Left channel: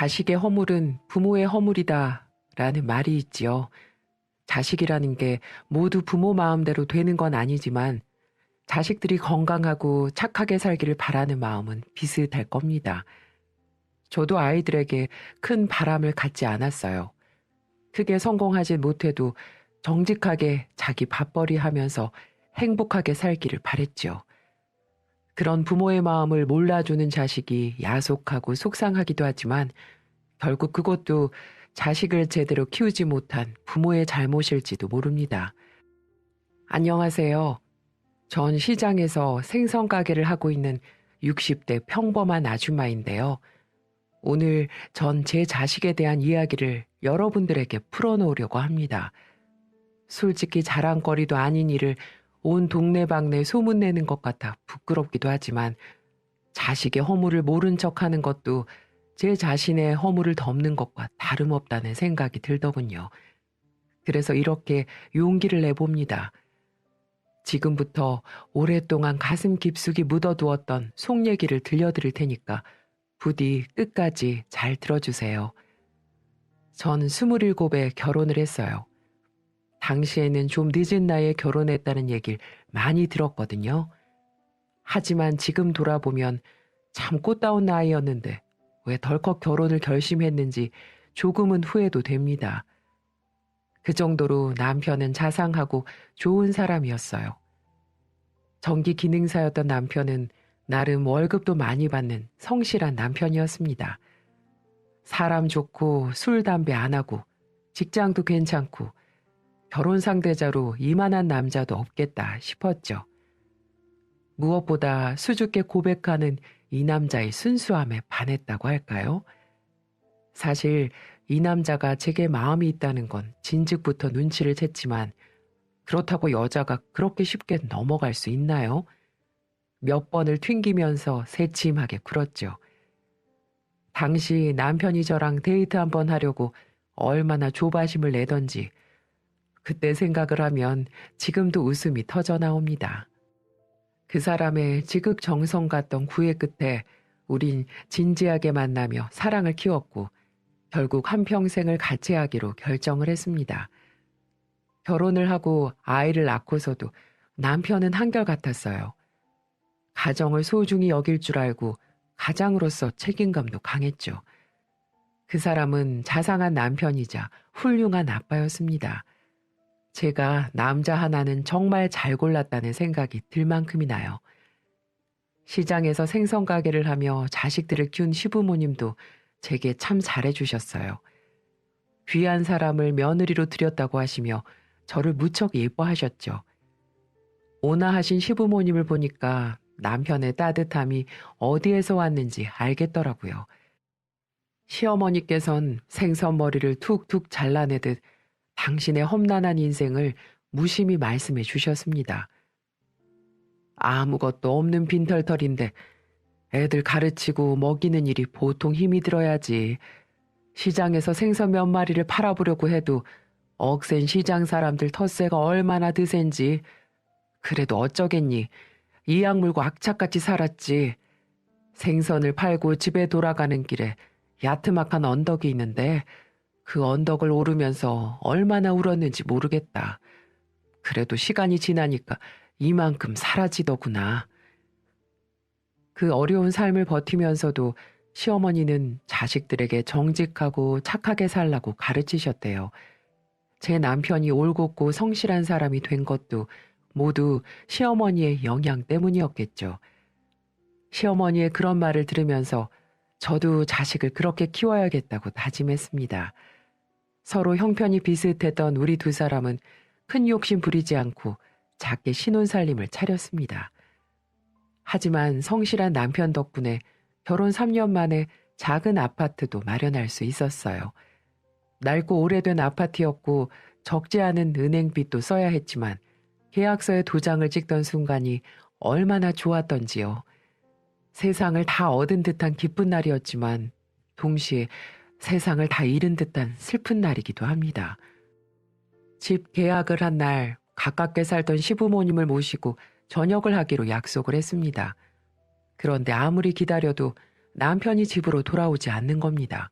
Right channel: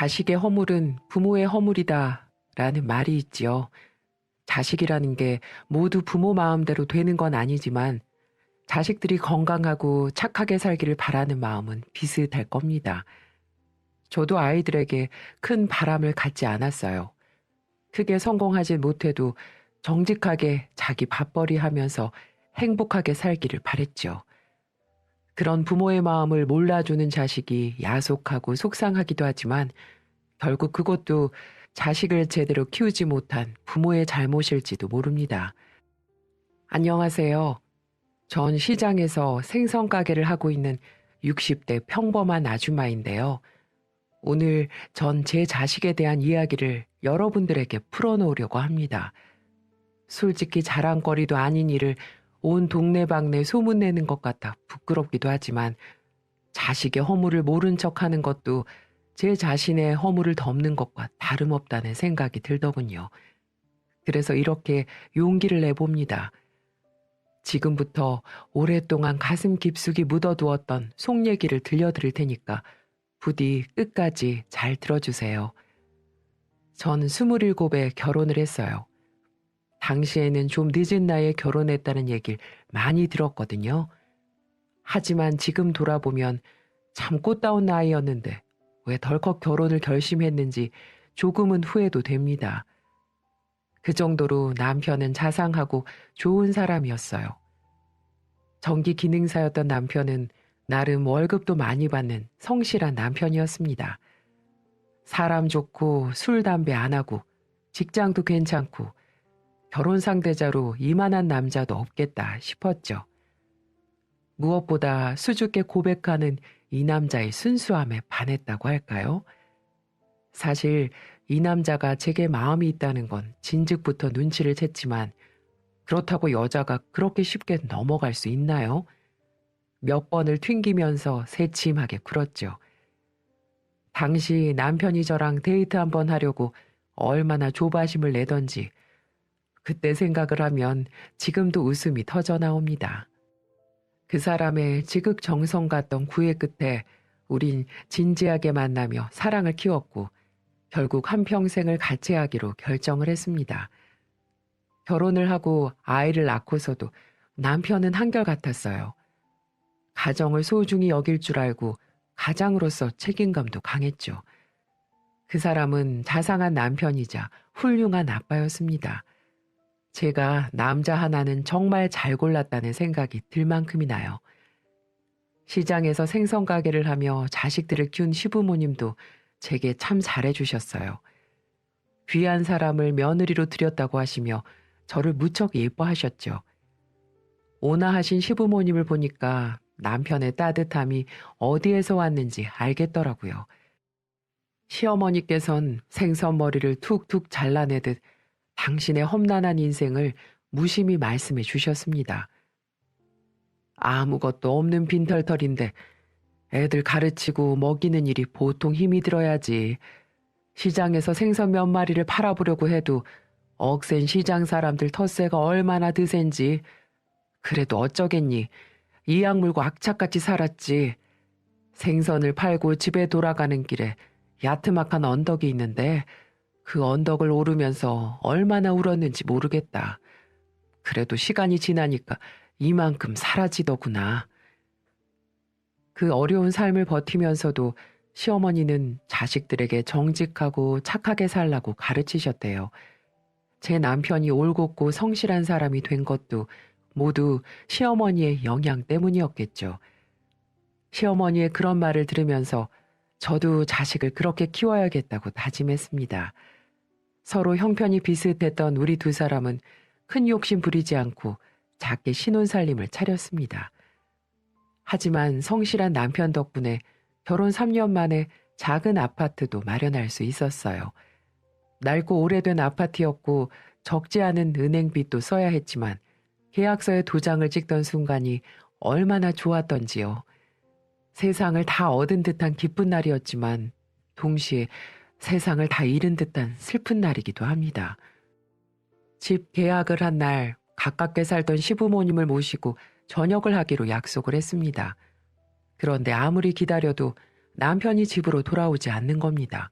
자식의 허물은 부모의 허물이다 라는 말이 있지요. 자식이라는 게 모두 부모 마음대로 되는 건 아니지만 자식들이 건강하고 착하게 살기를 바라는 마음은 비슷할 겁니다. 저도 아이들에게 큰 바람을 갖지 않았어요. 크게 성공하진 못해도 정직하게 자기 밥벌이 하면서 행복하게 살기를 바랬죠. 그런 부모의 마음을 몰라주는 자식이 야속하고 속상하기도 하지만 결국 그것도 자식을 제대로 키우지 못한 부모의 잘못일지도 모릅니다. 안녕하세요. 전 시장에서 생선 가게를 하고 있는 60대 평범한 아줌마인데요. 오늘 전 제 자식에 대한 이야기를 여러분들에게 풀어놓으려고 합니다. 솔직히 자랑거리도 아닌 일을 온 동네방네 소문내는 것 같아 부끄럽기도 하지만 자식의 허물을 모른 척하는 것도 제 자신의 허물을 덮는 것과 다름없다는 생각이 들더군요. 그래서 이렇게 용기를 내봅니다. 지금부터 오랫동안 가슴 깊숙이 묻어두었던 속 얘기를 들려드릴 테니까 부디 끝까지 잘 들어주세요. 전 27에 결혼을 했어요. 당시에는 좀 늦은 나이에 결혼했다는 얘기를 많이 들었거든요. 하지만 지금 돌아보면 참 꽃다운 나이였는데 왜 덜컥 결혼을 결심했는지 조금은 후회도 됩니다. 그 정도로 남편은 자상하고 좋은 사람이었어요. 전기 기능사였던 남편은 나름 월급도 많이 받는 성실한 남편이었습니다. 사람 좋고 술, 담배 안 하고 직장도 괜찮고 결혼 상대자로 이만한 남자도 없겠다 싶었죠. 무엇보다 수줍게 고백하는 이 남자의 순수함에 반했다고 할까요? 사실 이 남자가 제게 마음이 있다는 건 진즉부터 눈치를 챘지만 그렇다고 여자가 그렇게 쉽게 넘어갈 수 있나요? 몇 번을 튕기면서 새침하게 굴었죠. 당시 남편이 저랑 데이트 한번 하려고 얼마나 조바심을 내던지 그때 생각을 하면 지금도 웃음이 터져 나옵니다. 그 사람의 지극정성 같던 구애 끝에 우린 진지하게 만나며 사랑을 키웠고 결국 한평생을 같이 하기로 결정을 했습니다. 결혼을 하고 아이를 낳고서도 남편은 한결같았어요. 가정을 소중히 여길 줄 알고 가장으로서 책임감도 강했죠. 그 사람은 자상한 남편이자 훌륭한 아빠였습니다. 제가 남자 하나는 정말 잘 골랐다는 생각이 들 만큼이 나요. 시장에서 생선 가게를 하며 자식들을 키운 시부모님도 제게 참 잘해주셨어요. 귀한 사람을 며느리로 들였다고 하시며 저를 무척 예뻐하셨죠. 온화하신 시부모님을 보니까 남편의 따뜻함이 어디에서 왔는지 알겠더라고요. 시어머니께선 생선머리를 툭툭 잘라내듯 당신의 험난한 인생을 무심히 말씀해 주셨습니다. 아무것도 없는 빈털털인데 애들 가르치고 먹이는 일이 보통 힘이 들어야지. 시장에서 생선 몇 마리를 팔아보려고 해도 억센 시장 사람들 텃세가 얼마나 드센지. 그래도 어쩌겠니. 이악 물고 악착같이 살았지. 생선을 팔고 집에 돌아가는 길에 야트막한 언덕이 있는데 그 언덕을 오르면서 얼마나 울었는지 모르겠다. 그래도 시간이 지나니까 이만큼 사라지더구나. 그 어려운 삶을 버티면서도 시어머니는 자식들에게 정직하고 착하게 살라고 가르치셨대요. 제 남편이 올곧고 성실한 사람이 된 것도 모두 시어머니의 영향 때문이었겠죠. 시어머니의 그런 말을 들으면서 저도 자식을 그렇게 키워야겠다고 다짐했습니다. 서로 형편이 비슷했던 우리 두 사람은 큰 욕심 부리지 않고 작게 신혼살림을 차렸습니다. 하지만 성실한 남편 덕분에 결혼 3년 만에 작은 아파트도 마련할 수 있었어요. 낡고 오래된 아파트였고 적지 않은 은행빚도 써야 했지만 계약서에 도장을 찍던 순간이 얼마나 좋았던지요. 세상을 다 얻은 듯한 기쁜 날이었지만 동시에 세상을 다 잃은 듯한 슬픈 날이기도 합니다. 집 계약을 한 날 가깝게 살던 시부모님을 모시고 저녁을 하기로 약속을 했습니다. 그런데 아무리 기다려도 남편이 집으로 돌아오지 않는 겁니다.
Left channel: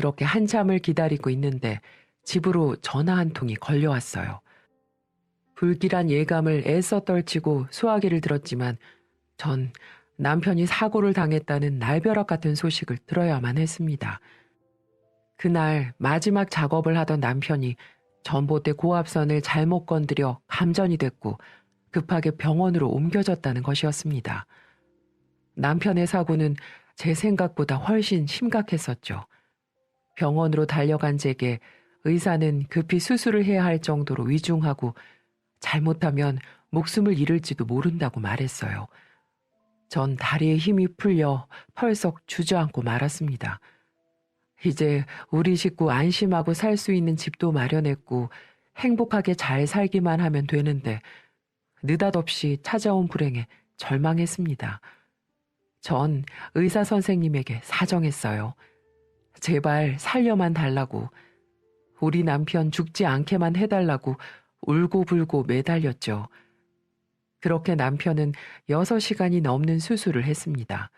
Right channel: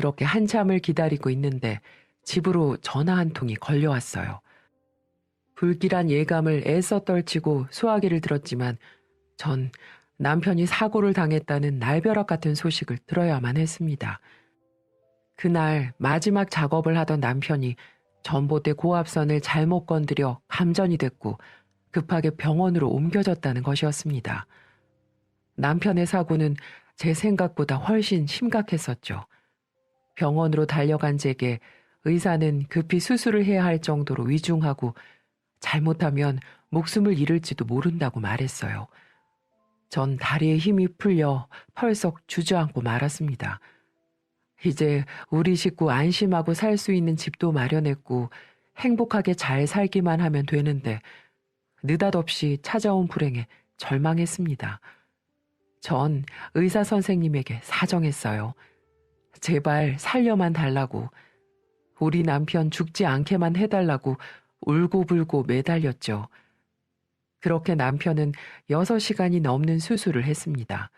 그렇게 한참을 기다리고 있는데 집으로 전화 한 통이 걸려왔어요. 불길한 예감을 애써 떨치고 수화기를 들었지만 전 남편이 사고를 당했다는 날벼락 같은 소식을 들어야만 했습니다. 그날 마지막 작업을 하던 남편이 전봇대 고압선을 잘못 건드려 감전이 됐고 급하게 병원으로 옮겨졌다는 것이었습니다. 남편의 사고는 제 생각보다 훨씬 심각했었죠. 병원으로 달려간 제게 의사는 급히 수술을 해야 할 정도로 위중하고 잘못하면 목숨을 잃을지도 모른다고 말했어요. 전 다리에 힘이 풀려 펄썩 주저앉고 말았습니다. 이제 우리 식구 안심하고 살 수 있는 집도 마련했고 행복하게 잘 살기만 하면 되는데 느닷없이 찾아온 불행에 절망했습니다. 전 의사 선생님에게 사정했어요. 제발 살려만 달라고, 우리 남편 죽지 않게만 해달라고 울고불고 매달렸죠. 그렇게 남편은 6시간이 넘는 수술을 했습니다.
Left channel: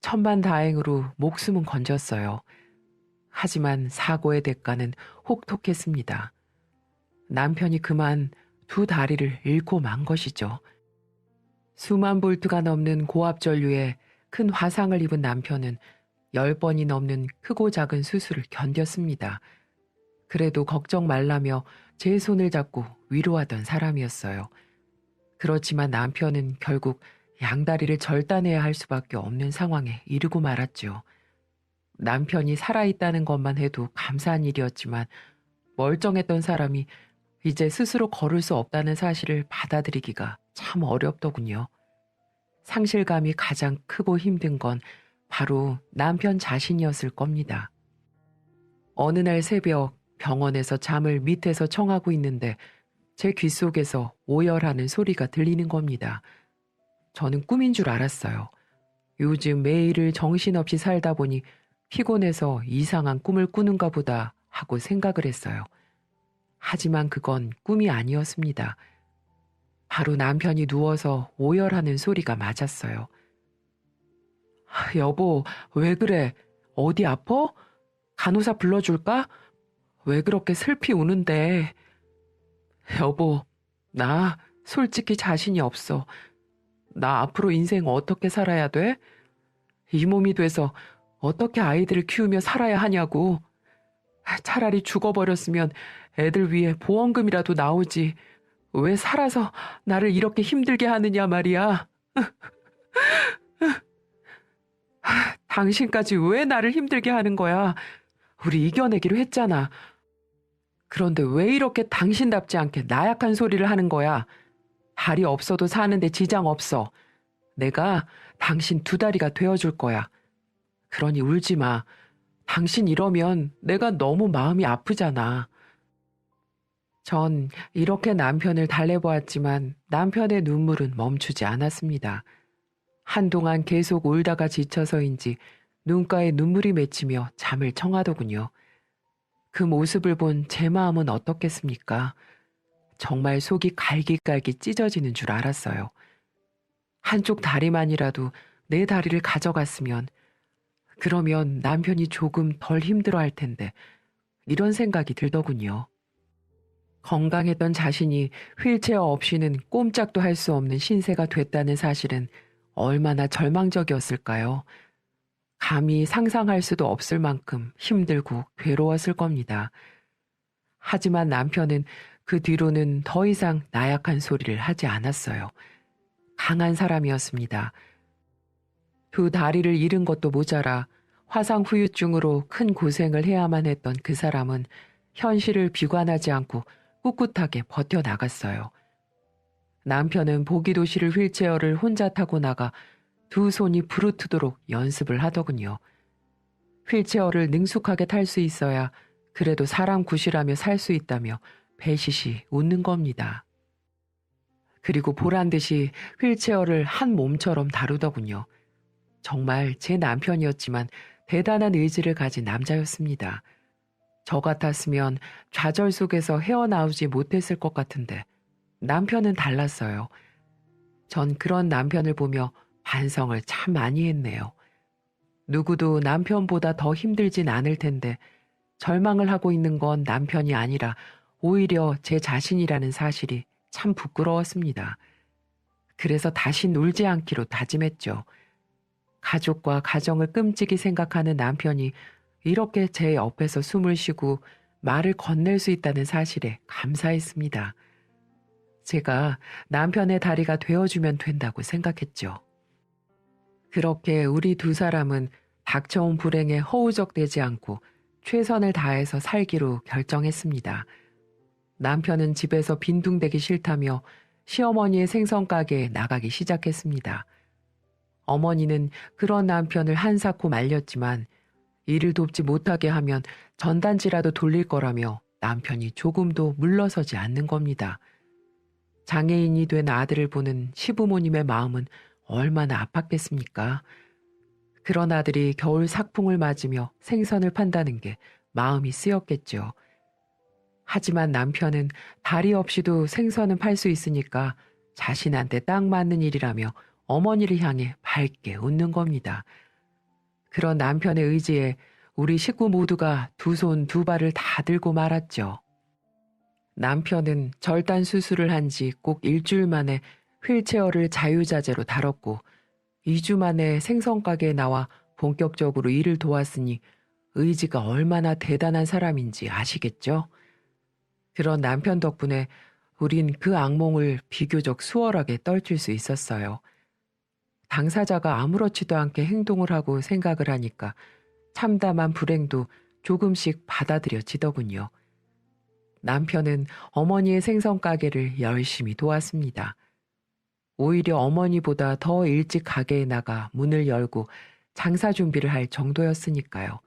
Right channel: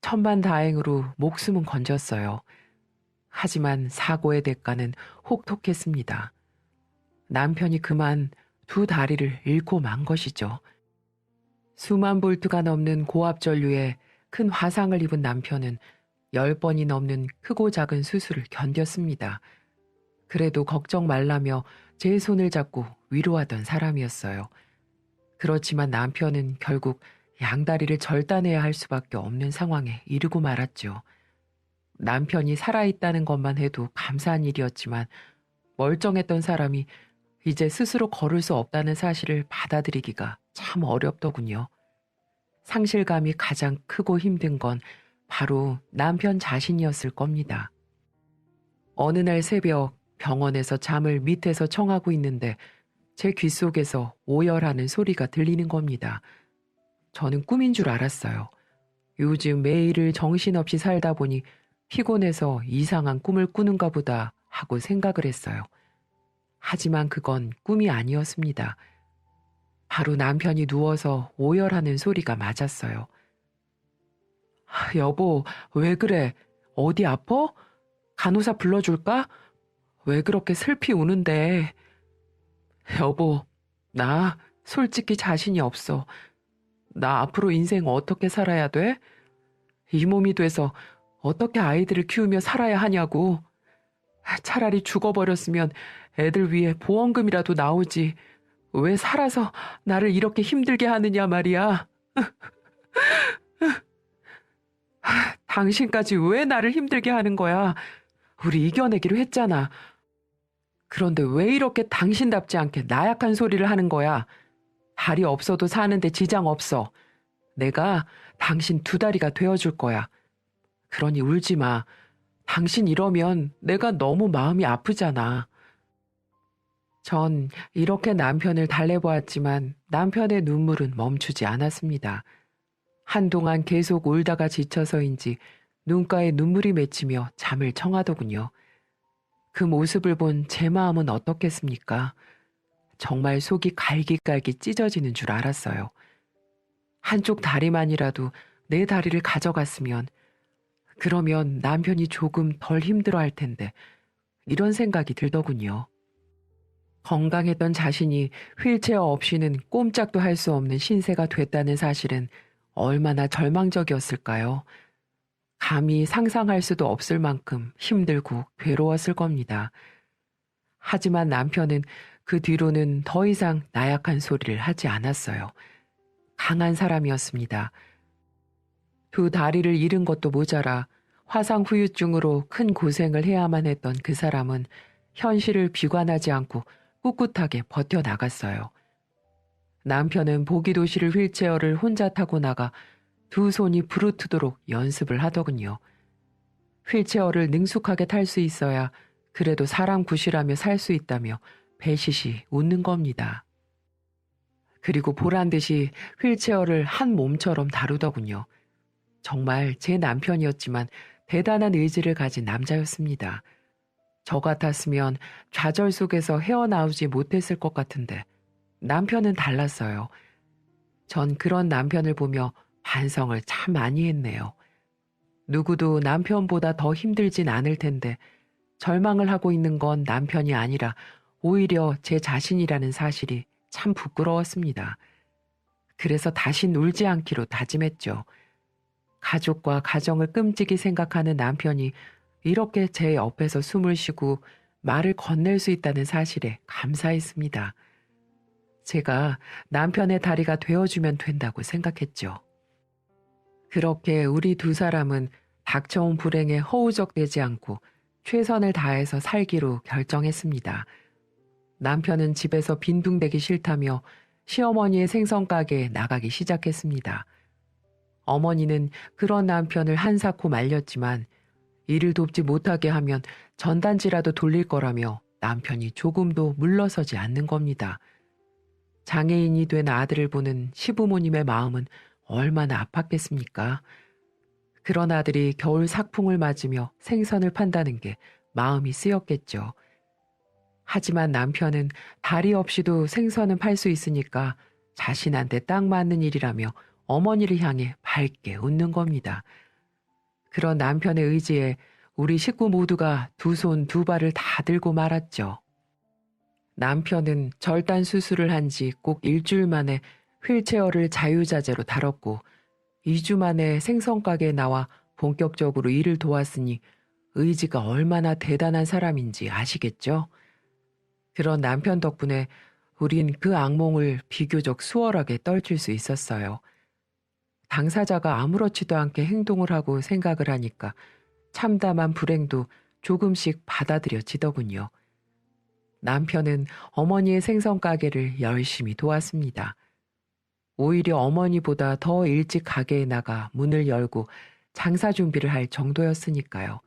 천만다행으로 목숨은 건졌어요. 하지만 사고의 대가는 혹독했습니다. 남편이 그만 2다리를 잃고 만 것이죠. 수만 볼트가 넘는 고압 전류에 큰 화상을 입은 남편은 10번이 넘는 크고 작은 수술을 견뎠습니다. 그래도 걱정 말라며 제 손을 잡고 위로하던 사람이었어요. 그렇지만 남편은 결국 양다리를 절단해야 할 수밖에 없는 상황에 이르고 말았죠. 남편이 살아있다는 것만 해도 감사한 일이었지만 멀쩡했던 사람이 이제 스스로 걸을 수 없다는 사실을 받아들이기가 참 어렵더군요. 상실감이 가장 크고 힘든 건 바로 남편 자신이었을 겁니다. 어느 날 새벽 병원에서 잠을 밑에서 청하고 있는데 제 귓속에서 오열하는 소리가 들리는 겁니다. 저는 꿈인 줄 알았어요. 요즘 매일을 정신없이 살다 보니 피곤해서 이상한 꿈을 꾸는가 보다 하고 생각을 했어요. 하지만 그건 꿈이 아니었습니다. 바로 남편이 누워서 오열하는 소리가 맞았어요. 여보, 왜 그래? 어디 아파? 간호사 불러줄까? 왜 그렇게 슬피 우는데? 여보, 나 솔직히 자신이 없어. 나 앞으로 인생 어떻게 살아야 돼? 이 몸이 돼서 어떻게 아이들을 키우며 살아야 하냐고. 차라리 죽어버렸으면 애들 위해 보험금이라도 나오지. 왜 살아서 나를 이렇게 힘들게 하느냐 말이야. 당신까지 왜 나를 힘들게 하는 거야? 우리 이겨내기로 했잖아. 그런데 왜 이렇게 당신답지 않게 나약한 소리를 하는 거야? 다리 없어도 사는데 지장 없어. 내가 당신 2다리가 되어줄 거야. 그러니 울지 마. 당신 이러면 내가 너무 마음이 아프잖아. 전 이렇게 남편을 달래보았지만 남편의 눈물은 멈추지 않았습니다. 한동안 계속 울다가 지쳐서인지 눈가에 눈물이 맺히며 잠을 청하더군요. 그 모습을 본 제 마음은 어떻겠습니까? 정말 속이 갈기갈기 찢어지는 줄 알았어요. 한쪽 다리만이라도 내 다리를 가져갔으면, 그러면 남편이 조금 덜 힘들어할 텐데, 이런 생각이 들더군요. 건강했던 자신이 휠체어 없이는 꼼짝도 할 수 없는 신세가 됐다는 사실은 얼마나 절망적이었을까요? 감히 상상할 수도 없을 만큼 힘들고 괴로웠을 겁니다. 하지만 남편은 그 뒤로는 더 이상 나약한 소리를 하지 않았어요. 강한 사람이었습니다. 2다리를 잃은 것도 모자라 화상 후유증으로 큰 고생을 해야만 했던 그 사람은 현실을 비관하지 않고 꿋꿋하게 버텨나갔어요. 남편은 보기도실 휠체어를 혼자 타고 나가 2 손이 부르트도록 연습을 하더군요. 휠체어를 능숙하게 탈 수 있어야 그래도 사람 구실하며 살 수 있다며 배시시 웃는 겁니다. 그리고 보란듯이 휠체어를 한 몸처럼 다루더군요. 정말 제 남편이었지만 대단한 의지를 가진 남자였습니다. 저 같았으면 좌절 속에서 헤어나오지 못했을 것 같은데 남편은 달랐어요. 전 그런 남편을 보며 반성을 참 많이 했네요. 누구도 남편보다 더 힘들진 않을 텐데 절망을 하고 있는 건 남편이 아니라 오히려 제 자신이라는 사실이 참 부끄러웠습니다. 그래서 다시 놀지 않기로 다짐했죠. 가족과 가정을 끔찍이 생각하는 남편이 이렇게 제 옆에서 숨을 쉬고 말을 건넬 수 있다는 사실에 감사했습니다. 제가 남편의 다리가 되어주면 된다고 생각했죠. 그렇게 우리 두 사람은 닥쳐온 불행에 허우적대지 않고 최선을 다해서 살기로 결정했습니다. 남편은 집에서 빈둥대기 싫다며 시어머니의 생선 가게에 나가기 시작했습니다. 어머니는 그런 남편을 한사코 말렸지만 일을 돕지 못하게 하면 전단지라도 돌릴 거라며 남편이 조금도 물러서지 않는 겁니다. 장애인이 된 아들을 보는 시부모님의 마음은 얼마나 아팠겠습니까? 그런 아들이 겨울 삭풍을 맞으며 생선을 판다는 게 마음이 쓰였겠죠. 하지만 남편은 다리 없이도 생선은 팔 수 있으니까 자신한테 딱 맞는 일이라며 어머니를 향해 밝게 웃는 겁니다. 그런 남편의 의지에 우리 식구 모두가 두 손 두 발을 다 들고 말았죠. 남편은 절단 수술을 한 지 꼭 일주일 만에 휠체어를 자유자재로 다뤘고 2주 만에 생선가게에 나와 본격적으로 일을 도왔으니 의지가 얼마나 대단한 사람인지 아시겠죠? 그런 남편 덕분에 우린 그 악몽을 비교적 수월하게 떨칠 수 있었어요. 당사자가 아무렇지도 않게 행동을 하고 생각을 하니까 참담한 불행도 조금씩 받아들여지더군요. 남편은 어머니의 생선 가게를 열심히 도왔습니다. 오히려 어머니보다 더 일찍 가게에 나가 문을 열고 장사 준비를 할 정도였으니까요.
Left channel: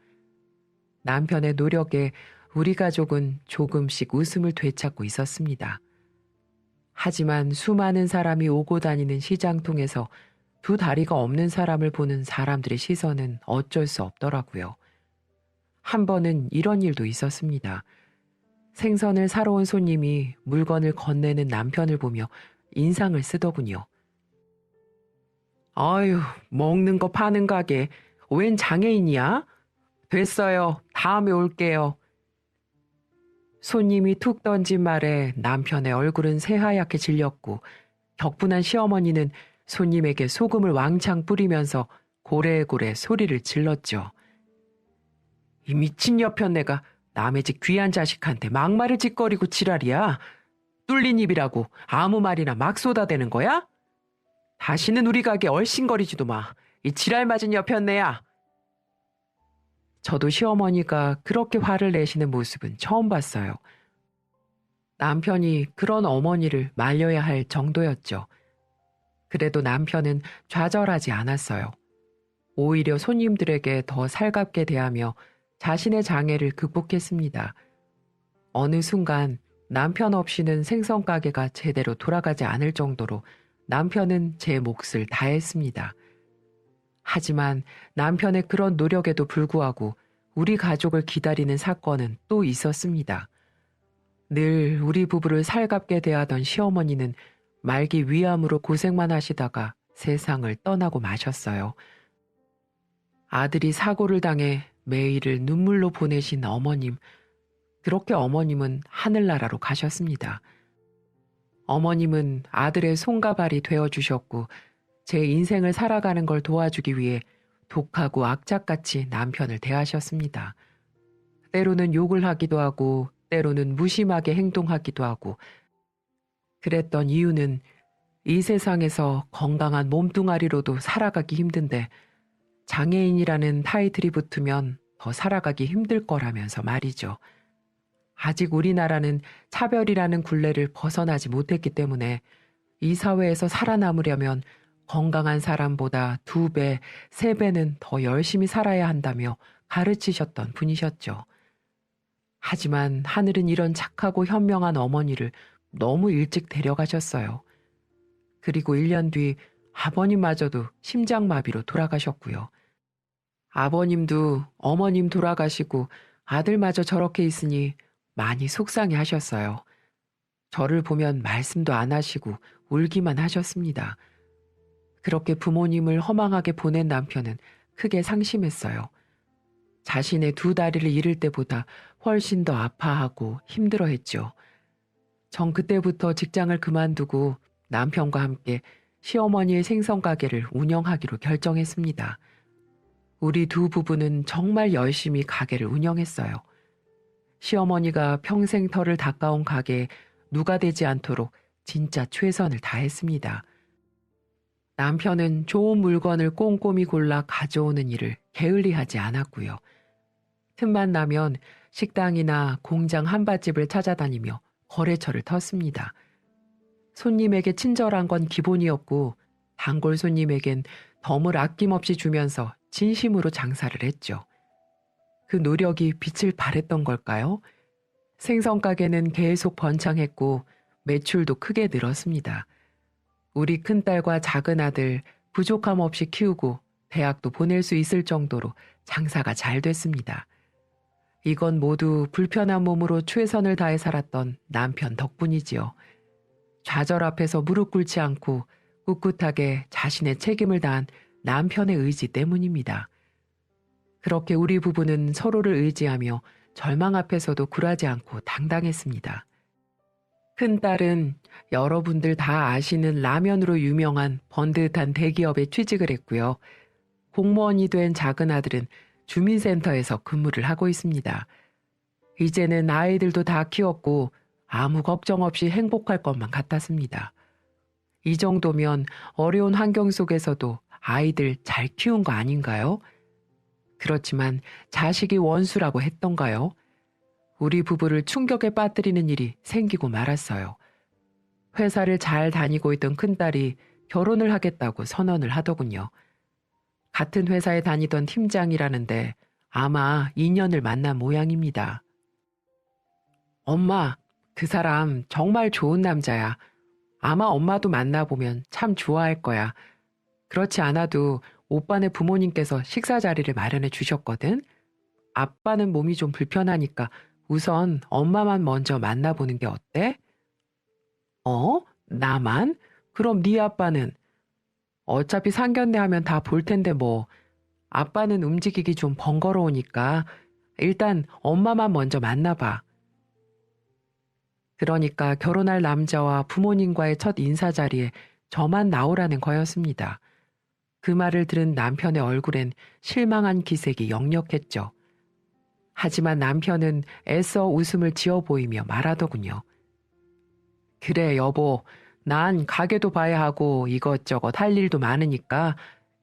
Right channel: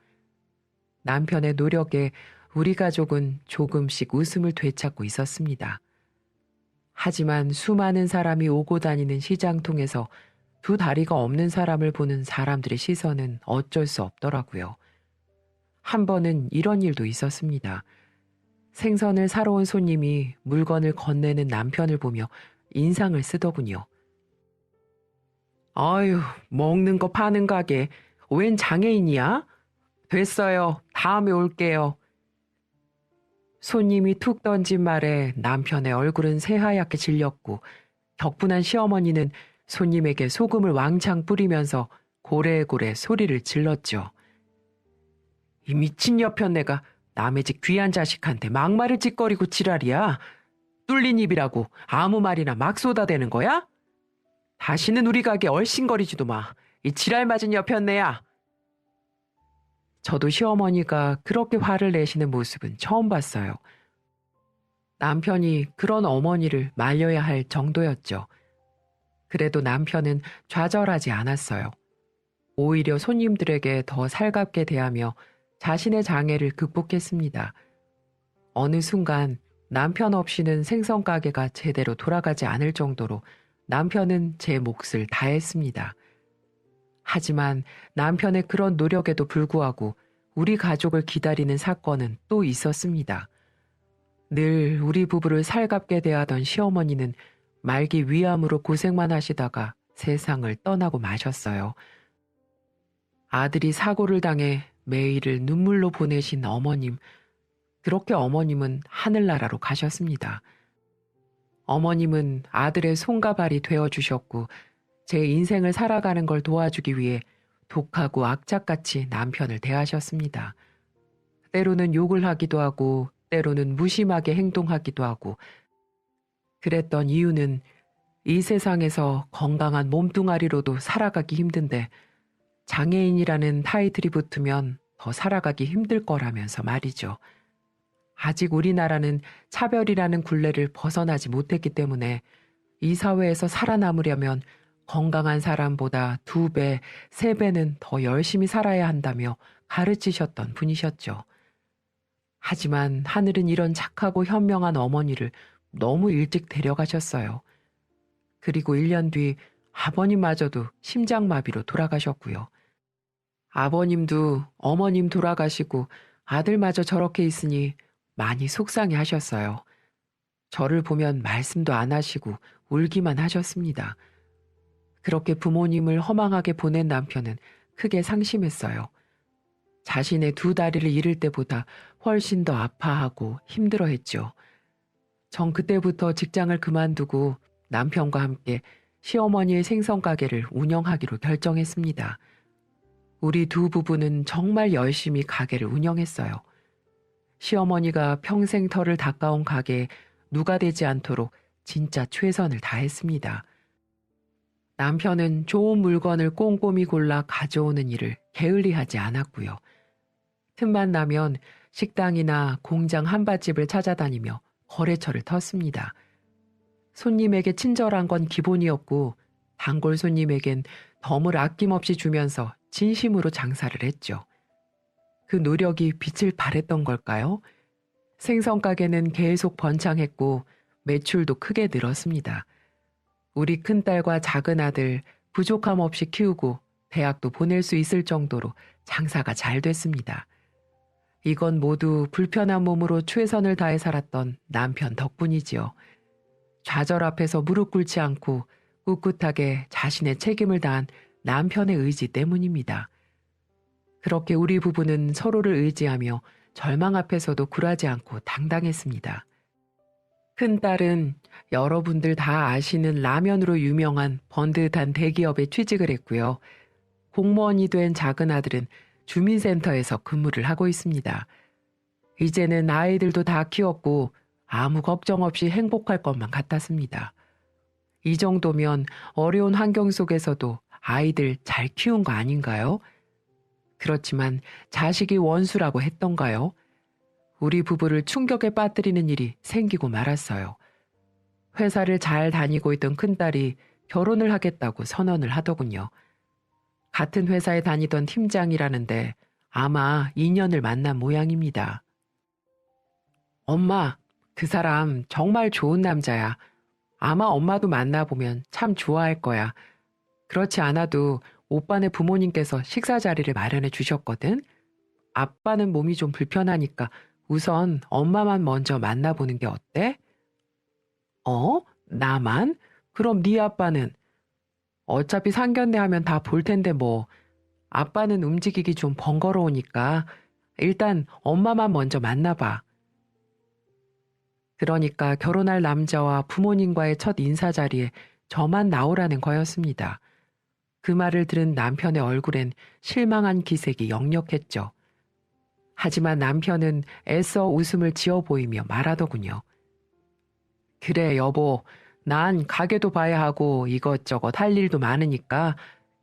남편의 노력에 우리 가족은 조금씩 웃음을 되찾고 있었습니다. 하지만 수많은 사람이 오고 다니는 시장통에서 두 다리가 없는 사람을 보는 사람들의 시선은 어쩔 수 없더라고요. 한 번은 이런 일도 있었습니다. 생선을 사러 온 손님이 물건을 건네는 남편을 보며 인상을 쓰더군요. 아유, 먹는 거 파는 가게 웬 장애인이야? 됐어요. 다음에 올게요. 손님이 툭 던진 말에 남편의 얼굴은 새하얗게 질렸고 격분한 시어머니는 손님에게 소금을 왕창 뿌리면서 고래고래 소리를 질렀죠. 이 미친 여편네가 남의 집 귀한 자식한테 막말을 짓거리고 지랄이야. 뚫린 입이라고 아무 말이나 막 쏟아대는 거야? 다시는 우리 가게 얼씬거리지도 마. 이 지랄 맞은 여편네야. 저도 시어머니가 그렇게 화를 내시는 모습은 처음 봤어요. 남편이 그런 어머니를 말려야 할 정도였죠. 그래도 남편은 좌절하지 않았어요. 오히려 손님들에게 더 살갑게 대하며 자신의 장애를 극복했습니다. 어느 순간 남편 없이는 생선 가게가 제대로 돌아가지 않을 정도로 남편은 제 몫을 다했습니다. 하지만 남편의 그런 노력에도 불구하고 우리 가족을 기다리는 사건은 또 있었습니다. 늘 우리 부부를 살갑게 대하던 시어머니는 말기 위암으로 고생만 하시다가 세상을 떠나고 마셨어요. 아들이 사고를 당해 매일을 눈물로 보내신 어머님, 그렇게 어머님은 하늘나라로 가셨습니다. 어머님은 아들의 손과 발이 되어주셨고 제 인생을 살아가는 걸 도와주기 위해 독하고 악착같이 남편을 대하셨습니다. 때로는 욕을 하기도 하고 때로는 무심하게 행동하기도 하고 그랬던 이유는 이 세상에서 건강한 몸뚱아리로도 살아가기 힘든데 장애인이라는 타이틀이 붙으면 더 살아가기 힘들 거라면서 말이죠. 아직 우리나라는 차별이라는 굴레를 벗어나지 못했기 때문에 이 사회에서 살아남으려면 건강한 사람보다 2배, 3배는 더 열심히 살아야 한다며 가르치셨던 분이셨죠. 하지만 하늘은 이런 착하고 현명한 어머니를 너무 일찍 데려가셨어요. 그리고 1년 뒤 아버님마저도 심장마비로 돌아가셨고요. 아버님도 어머님 돌아가시고 아들마저 저렇게 있으니 많이 속상해 하셨어요. 저를 보면 말씀도 안 하시고 울기만 하셨습니다. 그렇게 부모님을 허망하게 보낸 남편은 크게 상심했어요. 자신의 두 다리를 잃을 때보다 훨씬 더 아파하고 힘들어했죠. 전 그때부터 직장을 그만두고 남편과 함께 시어머니의 생선가게를 운영하기로 결정했습니다. 우리 두 부부는 정말 열심히 가게를 운영했어요. 시어머니가 평생 털을 닦아온 가게에 누가 되지 않도록 진짜 최선을 다했습니다. 남편은 좋은 물건을 꼼꼼히 골라 가져오는 일을 게을리하지 않았고요. 틈만 나면 식당이나 공장 한밭집을 찾아다니며 거래처를 텄습니다. 손님에게 친절한 건 기본이었고 단골 손님에겐 덤을 아낌없이 주면서 진심으로 장사를 했죠. 그 노력이 빛을 발했던 걸까요? 생선 가게는 계속 번창했고 매출도 크게 늘었습니다. 우리 큰딸과 작은아들 부족함 없이 키우고 대학도 보낼 수 있을 정도로 장사가 잘 됐습니다. 이건 모두 불편한 몸으로 최선을 다해 살았던 남편 덕분이지요. 좌절 앞에서 무릎 꿇지 않고 꿋꿋하게 자신의 책임을 다한 남편의 의지 때문입니다. 그렇게 우리 부부는 서로를 의지하며 절망 앞에서도 굴하지 않고 당당했습니다. 큰딸은 여러분들 다 아시는 라면으로 유명한 번듯한 대기업에 취직을 했고요. 공무원이 된 작은아들은 주민센터에서 근무를 하고 있습니다. 이제는 아이들도 다 키웠고 아무 걱정 없이 행복할 것만 같았습니다. 이 정도면 어려운 환경 속에서도 아이들 잘 키운 거 아닌가요? 그렇지만 자식이 원수라고 했던가요? 우리 부부를 충격에 빠뜨리는 일이 생기고 말았어요. 회사를 잘 다니고 있던 큰딸이 결혼을 하겠다고 선언을 하더군요. 같은 회사에 다니던 팀장이라는데 아마 인연을 만난 모양입니다. 엄마, 그 사람 정말 좋은 남자야. 아마 엄마도 만나보면 참 좋아할 거야. 그렇지 않아도 오빠네 부모님께서 식사 자리를 마련해 주셨거든. 아빠는 몸이 좀 불편하니까 우선 엄마만 먼저 만나보는 게 어때? 나만? 그럼 네 아빠는? 어차피 상견례 하면 다 볼 텐데 뭐. 아빠는 움직이기 좀 번거로우니까 일단 엄마만 먼저 만나봐. 그러니까 결혼할 남자와 부모님과의 첫 인사 자리에 저만 나오라는 거였습니다. 그 말을 들은 남편의 얼굴엔 실망한 기색이 역력했죠. 하지만 남편은 애써 웃음을 지어 보이며 말하더군요. 그래 여보, 난 가게도 봐야 하고 이것저것 할 일도 많으니까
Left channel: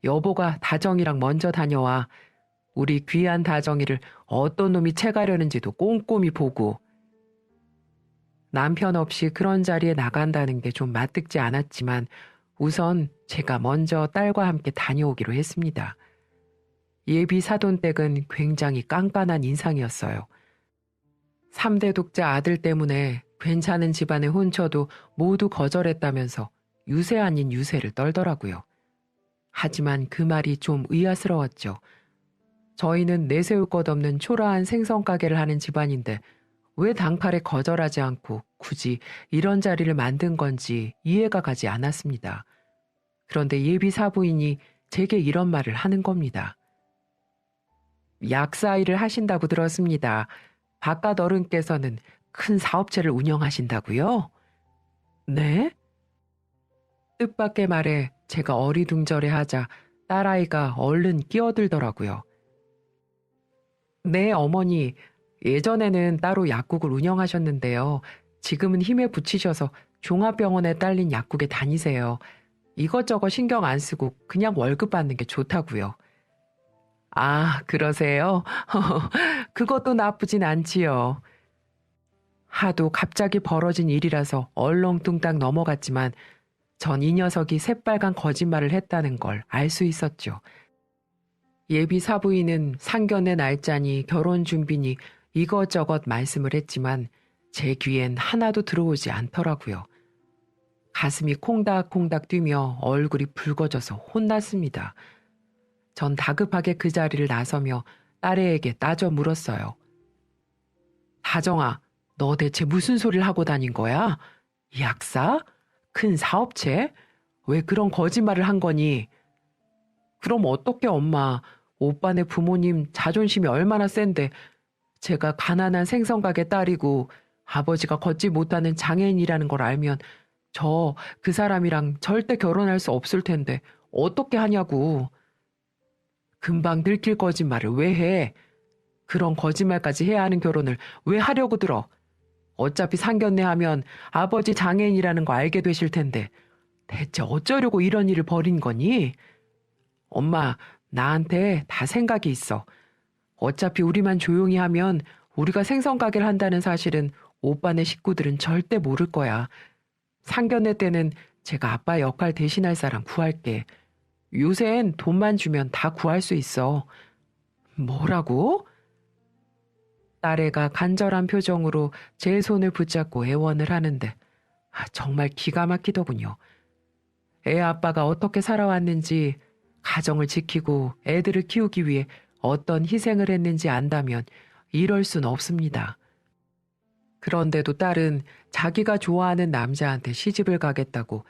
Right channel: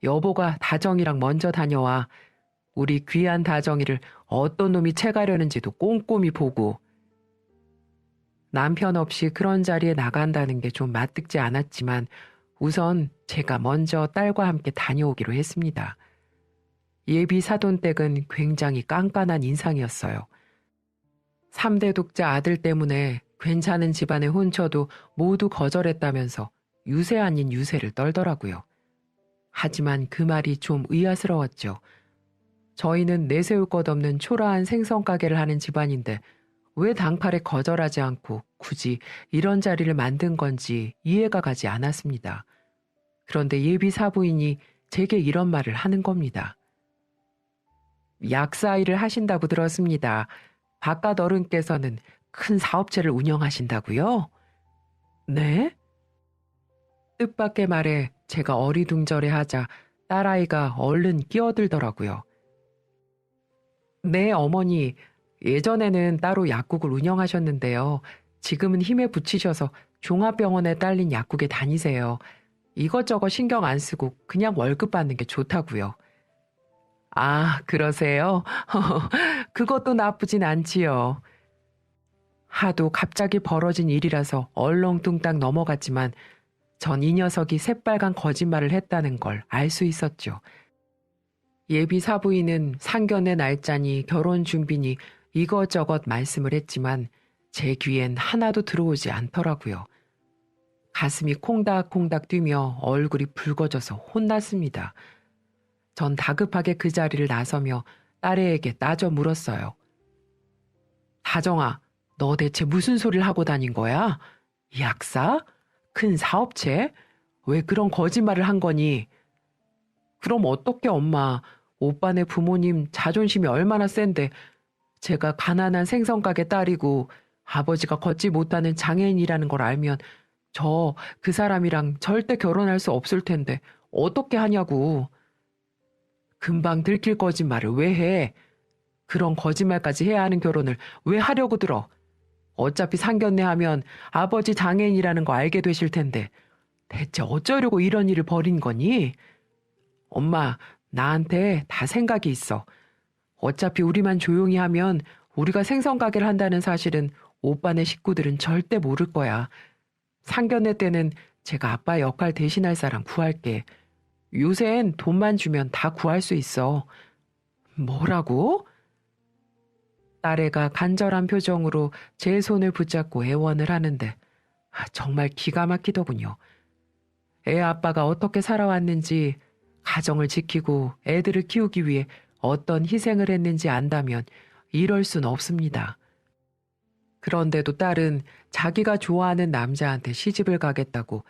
여보가 다정이랑 먼저 다녀와. 우리 귀한 다정이를 어떤 놈이 채가려는지도 꼼꼼히 보고. 남편 없이 그런 자리에 나간다는 게 좀 맞득지 않았지만 우선 제가 먼저 딸과 함께 다녀오기로 했습니다. 예비 사돈댁은 굉장히 깐깐한 인상이었어요. 3대 독자 아들 때문에 괜찮은 집안에 혼쳐도 모두 거절했다면서 유세 아닌 유세를 떨더라고요. 하지만 그 말이 좀 의아스러웠죠. 저희는 내세울 것 없는 초라한 생선 가게를 하는 집안인데 왜 단칼에 거절하지 않고 굳이 이런 자리를 만든 건지 이해가 가지 않았습니다. 그런데 예비 사부인이 제게 이런 말을 하는 겁니다. 약사 일을 하신다고 들었습니다. 바깥 어른께서는 큰 사업체를 운영하신다고요? 네? 뜻밖의 말에 제가 어리둥절해하자 딸아이가 얼른 끼어들더라고요. 네, 어머니. 예전에는 따로 약국을 운영하셨는데요. 지금은 힘에 부치셔서 종합병원에 딸린 약국에 다니세요. 이것저것 신경 안 쓰고 그냥 월급 받는 게 좋다고요. 아, 그러세요? 그것도 나쁘진 않지요. 하도 갑자기 벌어진 일이라서 얼렁뚱땅 넘어갔지만 전 이 녀석이 새빨간 거짓말을 했다는 걸 알 수 있었죠. 예비 사부인은 상견례 날짜니 결혼 준비니 이것저것 말씀을 했지만 제 귀엔 하나도 들어오지 않더라고요. 가슴이 콩닥콩닥 뛰며 얼굴이 붉어져서 혼났습니다. 전 다급하게 그 자리를 나서며 딸애에게 따져 물었어요. 다정아, 너 대체 무슨 소리를 하고 다닌 거야? 약사? 큰 사업체? 왜 그런 거짓말을 한 거니? 그럼 어떻게 엄마, 오빠네 부모님 자존심이 얼마나 센데 제가 가난한 생성가게 딸이고 아버지가 걷지 못하는 장애인이라는 걸 알면 저 그 사람이랑 절대 결혼할 수 없을 텐데 어떻게 하냐고. 금방 들킬 거짓말을 왜 해? 그런 거짓말까지 해야 하는 결혼을 왜 하려고 들어? 어차피 상견례 하면 아버지 장애인이라는 거 알게 되실 텐데 대체 어쩌려고 이런 일을 벌인 거니? 엄마, 나한테 다 생각이 있어. 어차피 우리만 조용히 하면 우리가 생선가게를 한다는 사실은 오빠네 식구들은 절대 모를 거야. 상견례 때는 제가 아빠 역할 대신할 사람 구할게. 요샌 돈만 주면 다 구할 수 있어. 뭐라고? 딸애가 간절한 표정으로 제 손을 붙잡고 애원을 하는데 정말 기가 막히더군요. 애 아빠가 어떻게 살아왔는지, 가정을 지키고 애들을 키우기 위해 어떤 희생을 했는지 안다면 이럴 순 없습니다. 그런데도 딸은 자기가 좋아하는 남자한테 시집을 가겠다고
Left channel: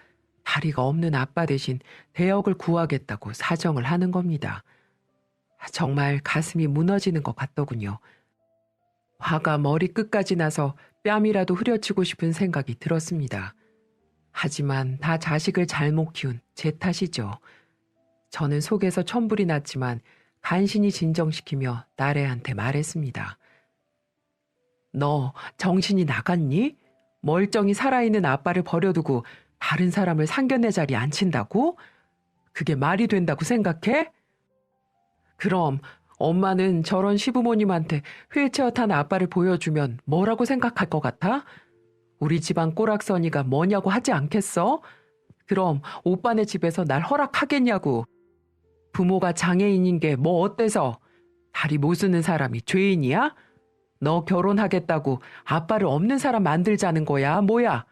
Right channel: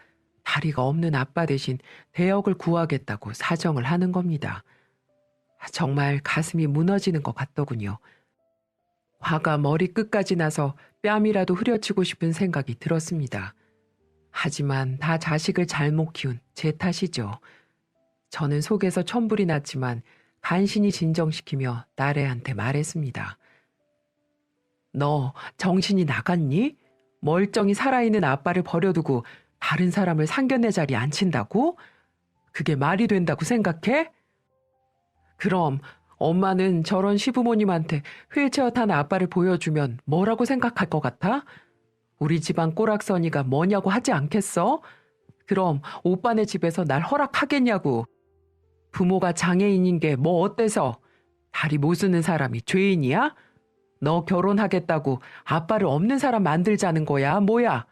다리가 없는 아빠 대신 대역을 구하겠다고 사정을 하는 겁니다. 정말 가슴이 무너지는 것 같더군요. 화가 머리 끝까지 나서 뺨이라도 후려치고 싶은 생각이 들었습니다. 하지만 다 자식을 잘못 키운 제 탓이죠. 저는 속에서 천불이 났지만 간신히 진정시키며 딸애한테 말했습니다. 너 정신이 나갔니? 멀쩡히 살아있는 아빠를 버려두고 다른 사람을 상견례 자리에 앉힌다고? 그게 말이 된다고 생각해? 그럼 엄마는 저런 시부모님한테 휠체어 탄 아빠를 보여주면 뭐라고 생각할 것 같아? 우리 집안 꼬락서니가 뭐냐고 하지 않겠어? 그럼 오빠네 집에서 날 허락하겠냐고. 부모가 장애인인 게 뭐 어때서? 다리 못 쓰는 사람이 죄인이야? 너 결혼하겠다고 아빠를 없는 사람 만들자는 거야? 뭐야?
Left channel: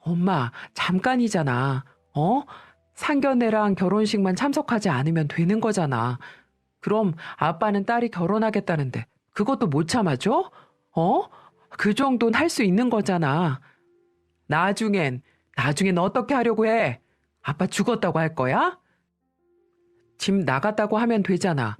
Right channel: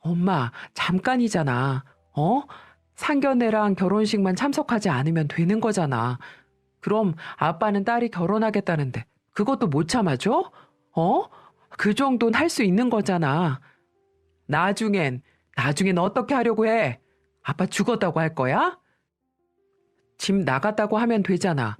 엄마, 잠깐이잖아. 어? 상견례랑 결혼식만 참석하지 않으면 되는 거잖아. 그럼 아빠는 딸이 결혼하겠다는데 그것도 못 참아줘? 어? 그 정도는 할 수 있는 거잖아. 나중엔 어떻게 하려고 해? 아빠 죽었다고 할 거야? 집 나갔다고 하면 되잖아.